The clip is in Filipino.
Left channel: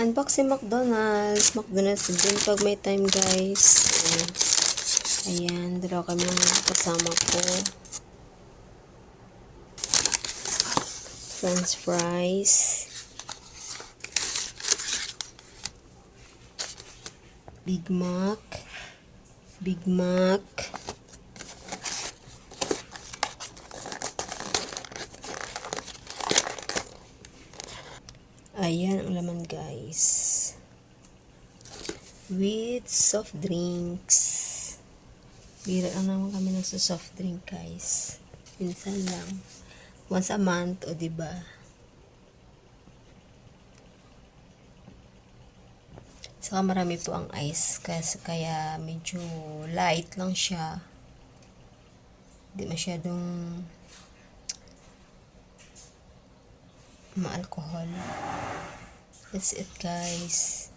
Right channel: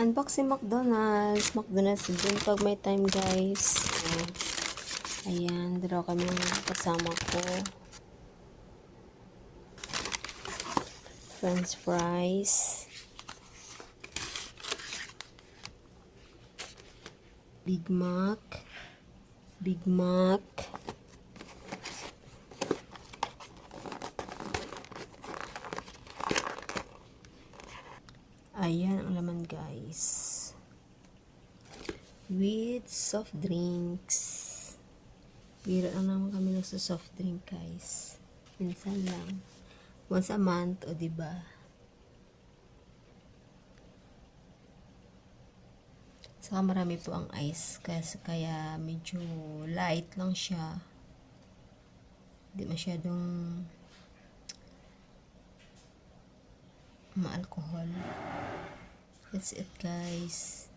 Unboxing McDonald's. McDonald's din pag may time, guys. Ayan, dalawa kami ng kasama ko. French fries. Big Mac. Big Mac. Ayan ang laman, guys. With soft drinks. Bira lang naman kami ng soft drink, guys. Minsan lang. Once a month, o diba? Saka marami po ang ice. Kaya medyo light lang siya. Hindi masyadong ma-alcohol. That's it, guys.